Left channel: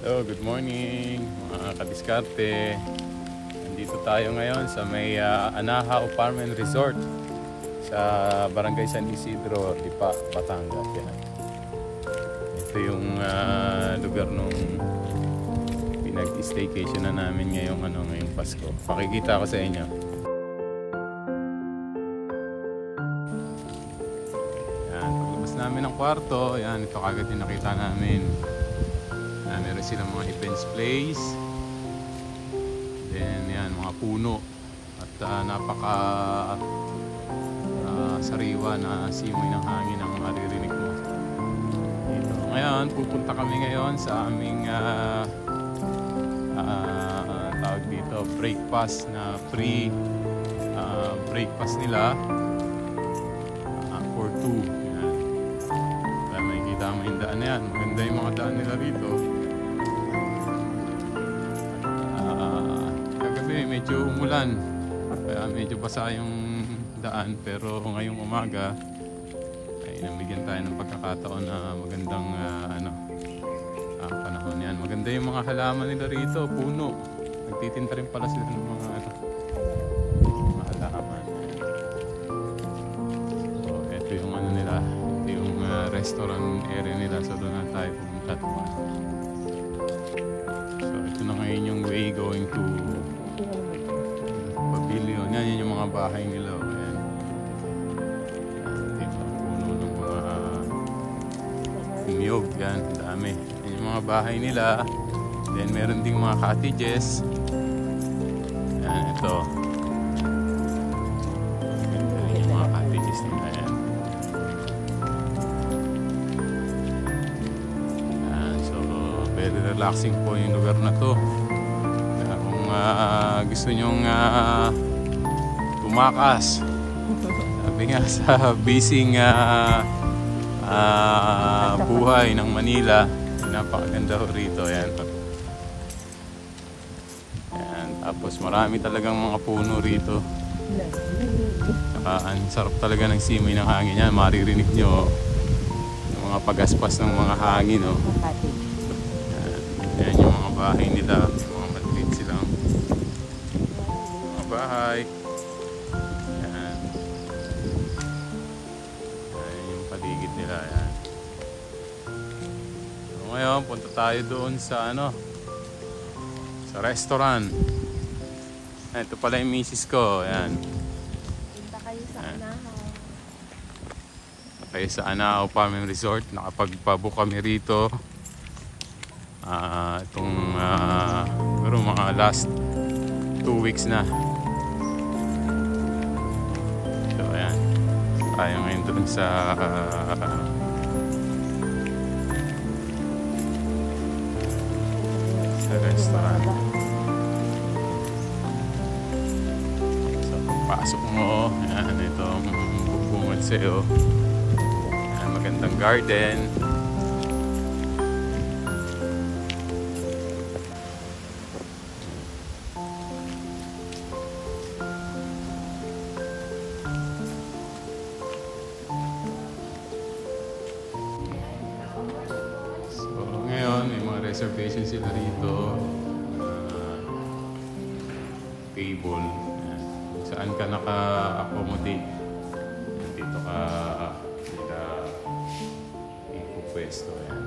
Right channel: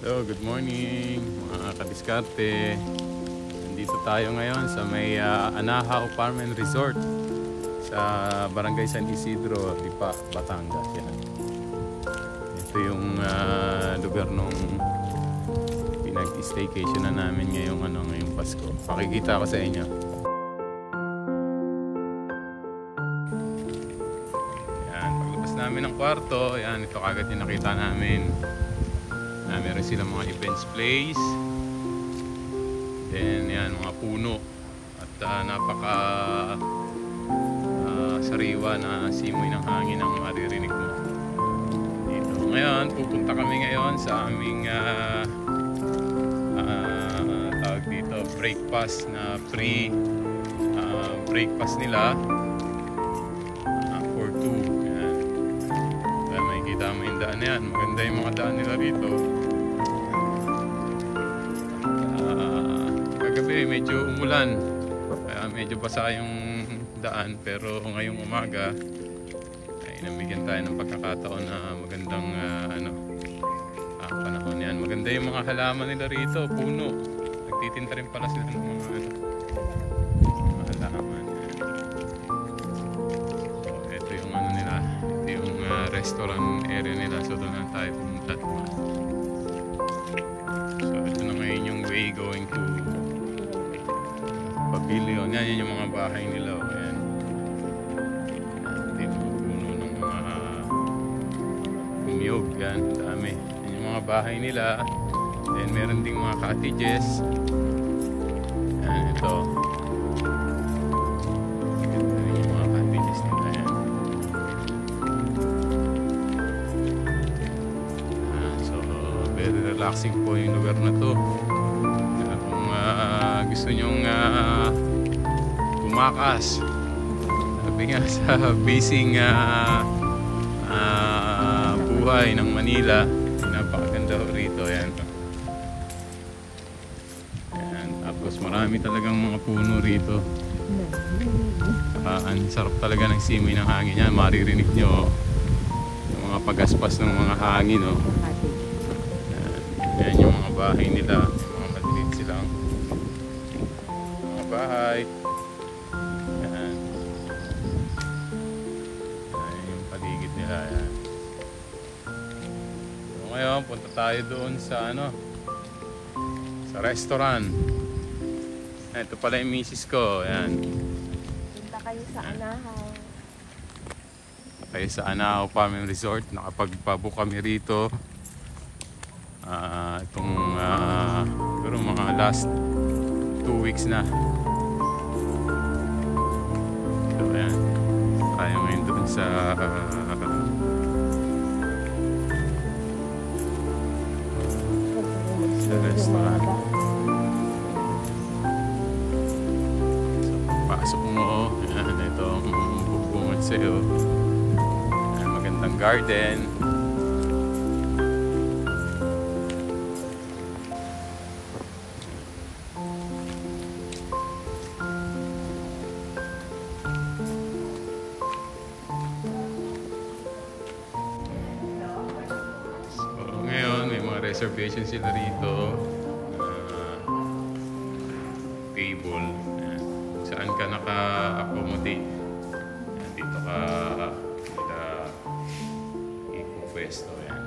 Hello, good morning mga kadiskarte. Nandito tayo ngayon sa may Anahaw Farm and Resort sa Barangay San Isidro, Lipa, Batangas. Yan. Ito yung lugar nung pinag-staycation na namin ngayong Pasko. Pakikita ko sa inyo. Yan, paglabas namin ng kwarto, yan, ito kagad yung nakita namin. Meron silang mga events place. Then yan, mga puno. At napaka sariwa na simoy ng hangin ang maririnig mo dito. Ngayon, pupunta kami ngayon sa aming tawag dito, breakfast na free breakfast nila for two. Yan. Kaya makikita mo yung daan na yan. Maganda yung mga daan nila rito. Kagabi medyo umulan, kaya medyo basa yung daan, pero ngayong umaga ay nabigyan tayo ng pagkakataon na magandang panahon yan. Maganda yung mga halaman nila rito, puno. Nagtitinta rin pala sila ng mga halaman. So, ito yung nila, ito yung restaurant area nila, so doon na tayo pumunta. So ito na ngayon yung way going to Pavilion. Yan yung mga bahay nila. Ayan. Ito yung mga puno ng mga niyog. Yan, dami. Yan yung mga bahay nila. Then meron ding mga cottages. Yan, ito. Yan yung mga cottages nila. Yan. So, very relaxing po yung lugar na to. Gusto nyong tumakas, sabi nga sa busy buhay ng Manila, napakaganda rito. Yan. Yan. Tapos marami talagang mga puno rito. Ang sarap talaga ng simoy ng hangin. Yan, maririnig nyo yung mga pagaspas ng mga hangin. Oh. Yan. Yan yung mga bahay nila. Yung mga maliit silang bahay. Yan. Yan yung paligid nila. Yan. So ngayon, punta tayo doon sa sa restaurant. Ito pala yung misis ko. Yan. Punta kayo sa Anahaw. Kayo sa Anahaw Farm and Resort. Nakapagpabook kami rito. Itong siguro mga last 2 weeks na. Tayo ngayon doon sa restaurant. So pagpasok mo, yan, itong bubungad sa'yo. Yan, magandang garden. Ngayon, may mga reservation sila rito. Table. Ayan. Saan ka naka-accommodate. Dito ka nila ipupwesto. Ayan.